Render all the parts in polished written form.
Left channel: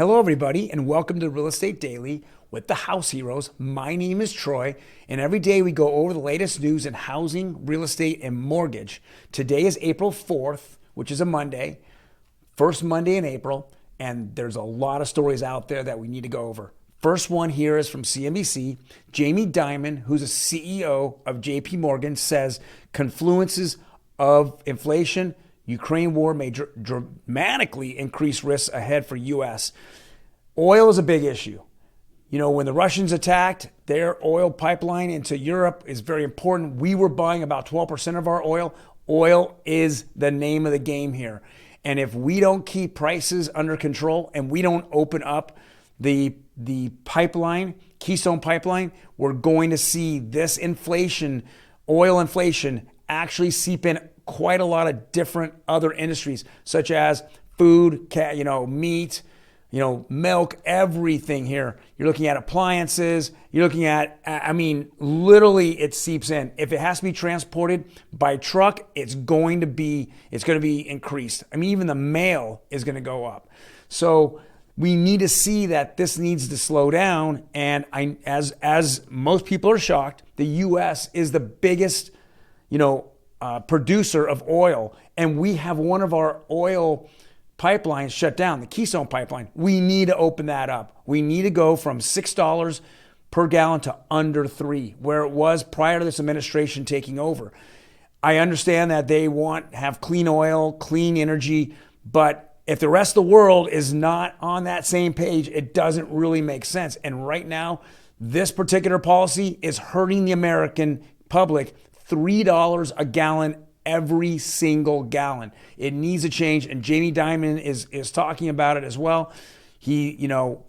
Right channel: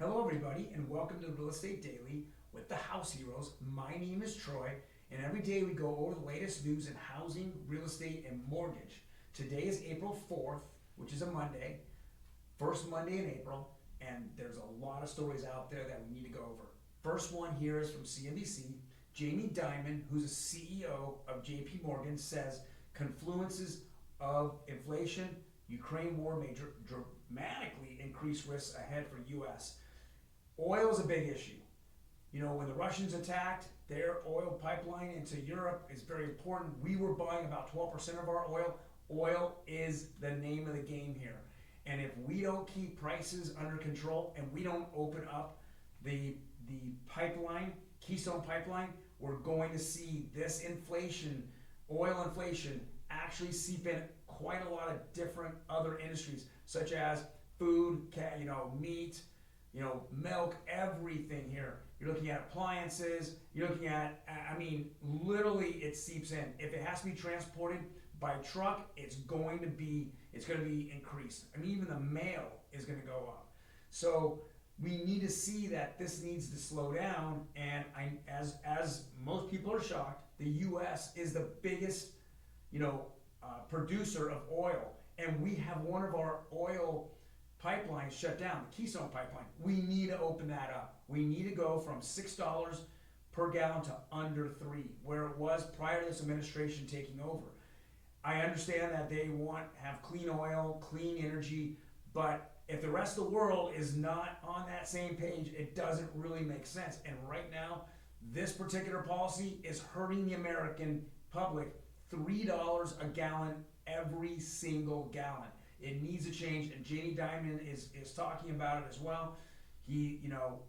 Hello, everybody, and welcome to Real Estate Daily with the House Heroes. My name is Troy, and every day we go over the latest news in housing, real estate, and mortgage. Today is April 4th, which is a Monday, first Monday in April, and there's a lot of stories out there that we need to go over. First one here is from CNBC. Jamie Dimon, who's a CEO of JP Morgan, says confluences of inflation, Ukraine war may dramatically increase risks ahead for U.S. Oil is a big issue. You know, when the Russians attacked, their oil pipeline into Europe is very important. We were buying about 12% of our oil. Oil is the name of the game here. And if we don't keep prices under control and we don't open up the pipeline, Keystone Pipeline, we're going to see this inflation, oil inflation, actually seep in quite a lot of different other industries, such as food, meat, milk, everything here. You're looking at appliances. You're looking at, literally it seeps in. If it has to be transported by truck, it's going to be increased. Even the mail is going to go up. So we need to see that this needs to slow down. And as most people are shocked, the U.S. is the biggest, producer of oil, and we have one of our oil pipelines shut down, the Keystone Pipeline. We need to open that up. We need to go from $6 per gallon to under $3, where it was prior to this administration taking over. I understand that they have clean oil, clean energy, but if the rest of the world is not on that same page, it doesn't really make sense. And right now, this particular policy is hurting the American public. $3 a gallon every single gallon. It needs a change, and Jamie Dimon is talking about it as well.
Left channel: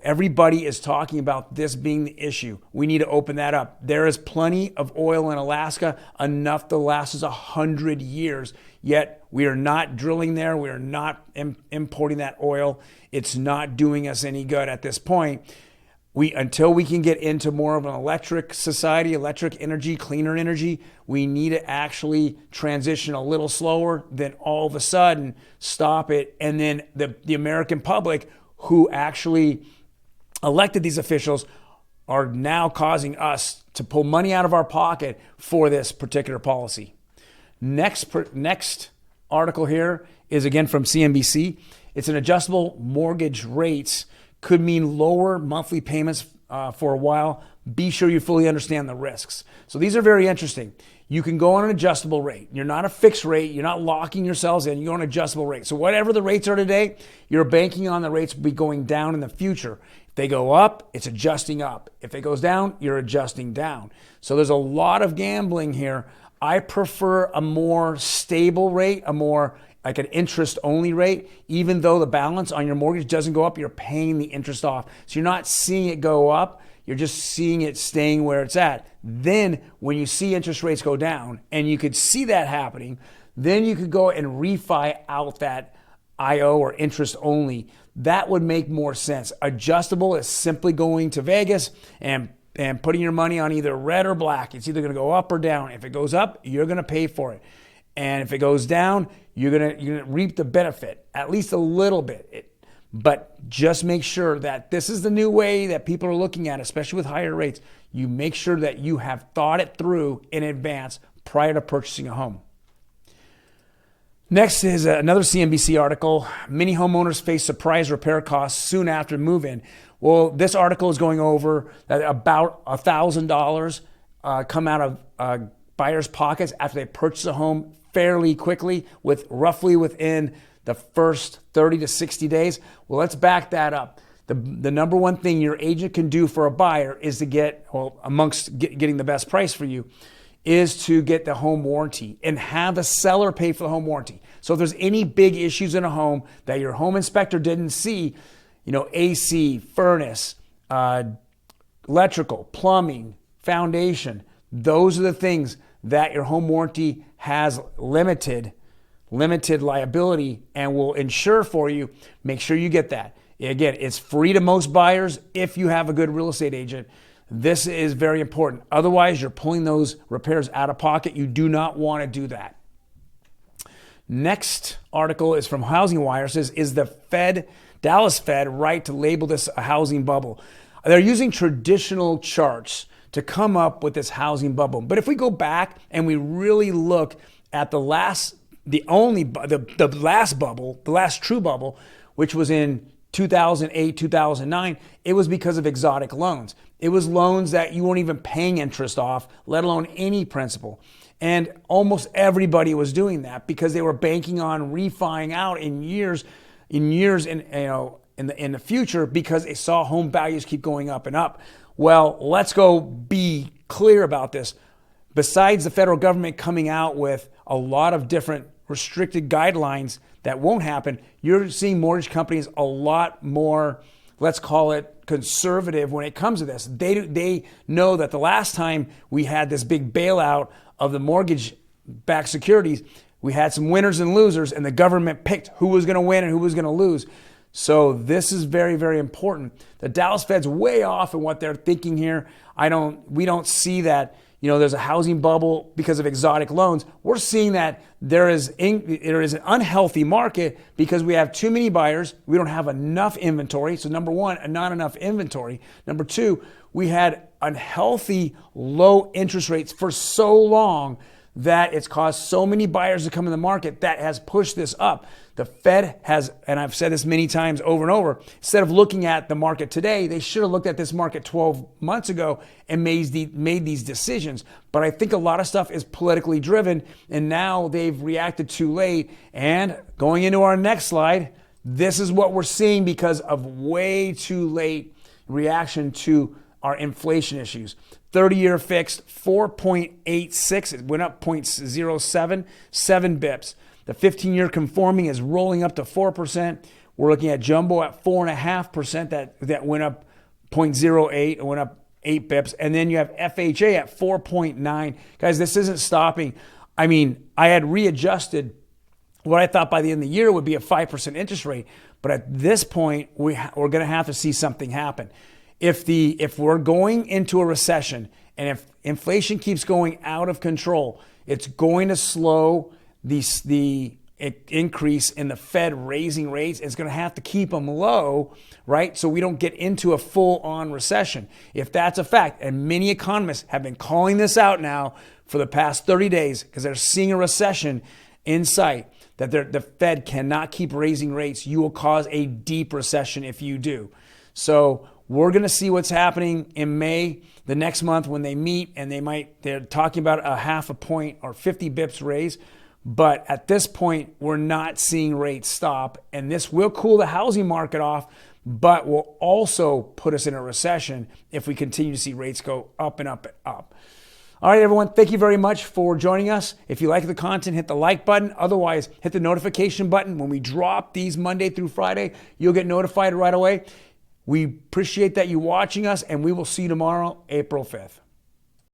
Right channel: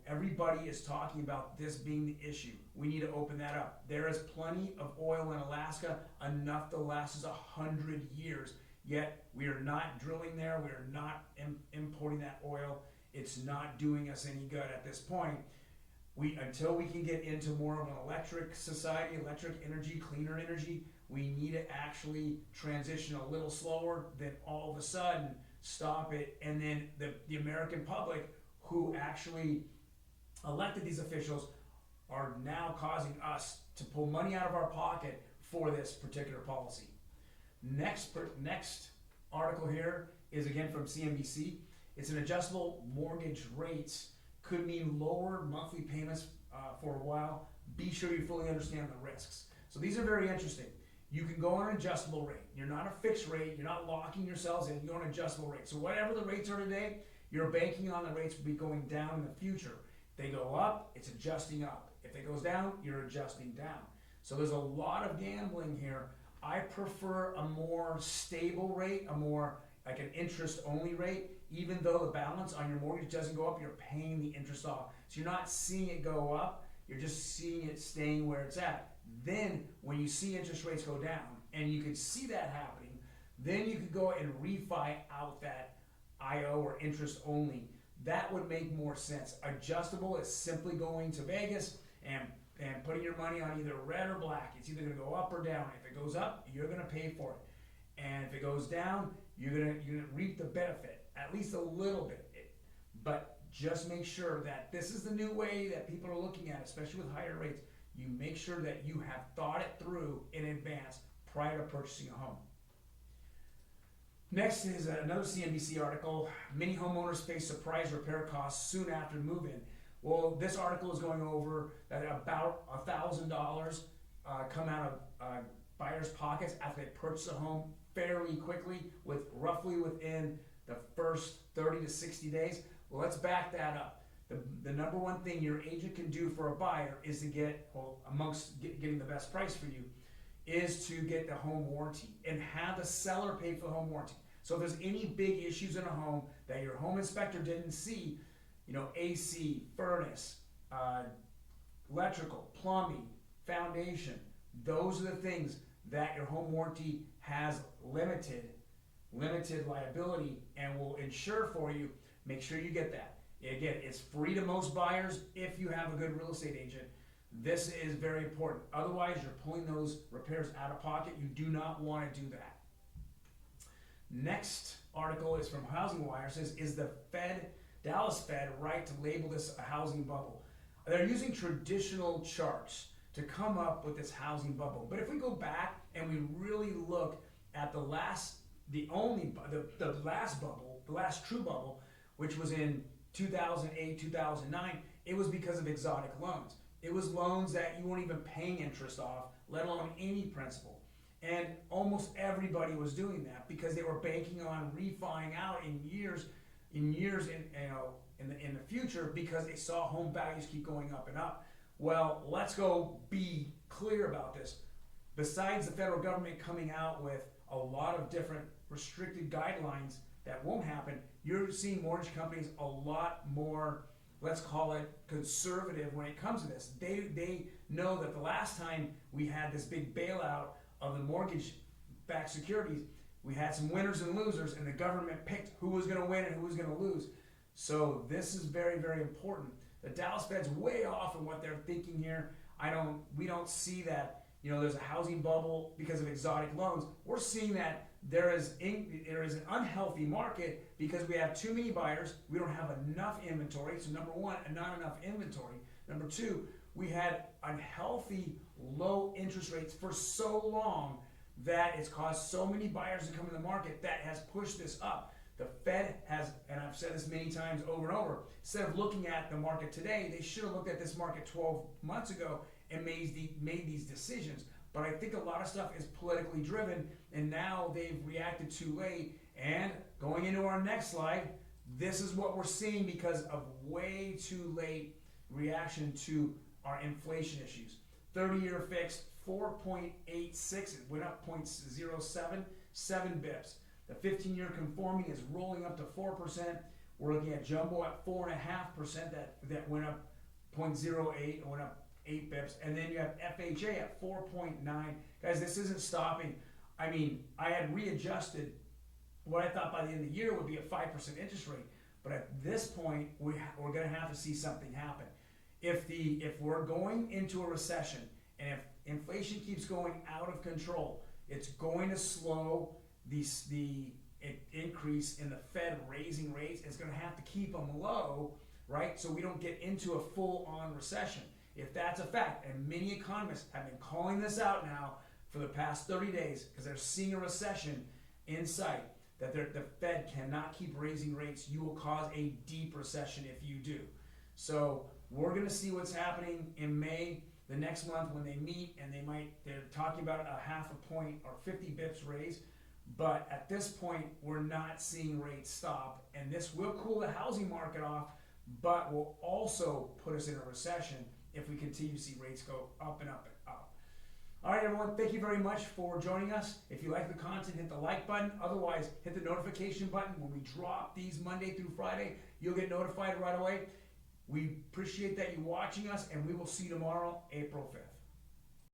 Everybody is talking about this being the issue. We need to open that up. There is plenty of oil in Alaska, enough to last us 100 years, yet we are not drilling there. We are not importing that oil. It's not doing us any good at this point. Until we can get into more of an electric society, electric energy, cleaner energy, we need to actually transition a little slower than all of a sudden stop it. And then the American public who actually elected these officials are now causing us to pull money out of our pocket for this particular policy. Next article here is again from CNBC. It's an adjustable mortgage rates could mean lower monthly payments for a while. Be sure you fully understand the risks. So these are very interesting. You can go on an adjustable rate. You're not a fixed rate. You're not locking yourselves in. You're on an adjustable rate. So whatever the rates are today, you're banking on the rates will be going down in the future. If they go up, it's adjusting up. If it goes down, you're adjusting down. So there's a lot of gambling here. I prefer a more stable rate, a more like an interest-only rate. Even though the balance on your mortgage doesn't go up, you're paying the interest off. So you're not seeing it go up, you're just seeing it staying where it's at. Then when you see interest rates go down, and you could see that happening, then you could go and refi out that IO or interest-only. That would make more sense. Adjustable is simply going to Vegas and putting your money on either red or black. It's either going to go up or down. If it goes up, you're going to pay for it. And if it goes down, you're gonna reap the benefit, at least a little bit. But just make sure that this is the new way that people are looking at, especially with higher rates. You make sure that you have thought it through in advance prior to purchasing a home. Next is another CNBC article. Many homeowners face surprise repair costs soon after move-in. Well, this article is going over that about $1,000 come out of buyers' pockets after they purchase a home fairly quickly, with roughly within the first 30 to 60 days. Well, let's back that up. The number one thing your agent can do for a buyer is to getting the best price for you, is to get the home warranty and have the seller pay for the home warranty. So if there's any big issues in a home that your home inspector didn't see, AC, furnace, electrical, plumbing, foundation, those are the things that your home warranty has limited liability and will insure for you. Make sure you get that. Again, it's free to most buyers if you have a good real estate agent. This is very important. Otherwise, you're pulling those repairs out of pocket. You do not want to do that. Next article is from Housing Wire. It says, is the Fed Dallas Fed right to label this a housing bubble. They're using traditional charts to come up with this housing bubble. But if we go back and we really look at the last bubble, the last true bubble, which was in 2008, 2009, it was because of exotic loans. It was loans that you weren't even paying interest off, let alone any principal. And almost everybody was doing that because they were banking on refining out in years in the future because they saw home values keep going up and up. Well, let's go be clear about this. Besides the federal government coming out with a lot of different restricted guidelines that won't happen, you're seeing mortgage companies a lot more, let's call it conservative when it comes to this. They know that the last time we had this big bailout of the mortgage-backed securities, we had some winners and losers, and the government picked who was going to win and who was going to lose. So this is very, very important. The Dallas Fed's way off in what they're thinking here. We don't see that, there's a housing bubble because of exotic loans. We're seeing that there is an unhealthy market because we have too many buyers. We don't have enough inventory. So number one, not enough inventory. Number two, we had unhealthy low interest rates for so long that it's caused so many buyers to come in the market that has pushed this up. The Fed has, and I've said this many times over and over, instead of looking at the market today, they should have looked at this market 12 months ago and made these decisions. But I think a lot of stuff is politically driven, and now they've reacted too late. And going into our next slide, this is what we're seeing because of way too late reaction to our inflation issues. 30-year fixed, 4.86. It went up 0.07, 7 bips. The 15-year conforming is rolling up to 4%. We're looking at jumbo at 4.5%. That went up 0.08. It went up 8 bips. And then you have FHA at 4.9. Guys, this isn't stopping. I mean, I had readjusted what I thought by the end of the year would be a 5% interest rate. But at this point, we're going to have to see something happen. If we're going into a recession and if inflation keeps going out of control, it's going to slow the increase in the Fed raising rates. It's going to have to keep them low, right? So we don't get into a full-on recession. If that's a fact, and many economists have been calling this out now for the past 30 days because they're seeing a recession in sight, that the Fed cannot keep raising rates. You will cause a deep recession if you do. So we're going to see what's happening in May, the next month when they meet, and they're talking about a 0.5 point or 50 bips raise. But at this point, we're not seeing rates stop, and this will cool the housing market off, but will also put us in a recession if we continue to see rates go up and up and up. All right, everyone, thank you very much for joining us. If you like the content, hit the like button. Otherwise, hit the notification button. When we drop these Monday through Friday, you'll get notified right away. We appreciate that you watching us, and we will see you tomorrow, April 5th.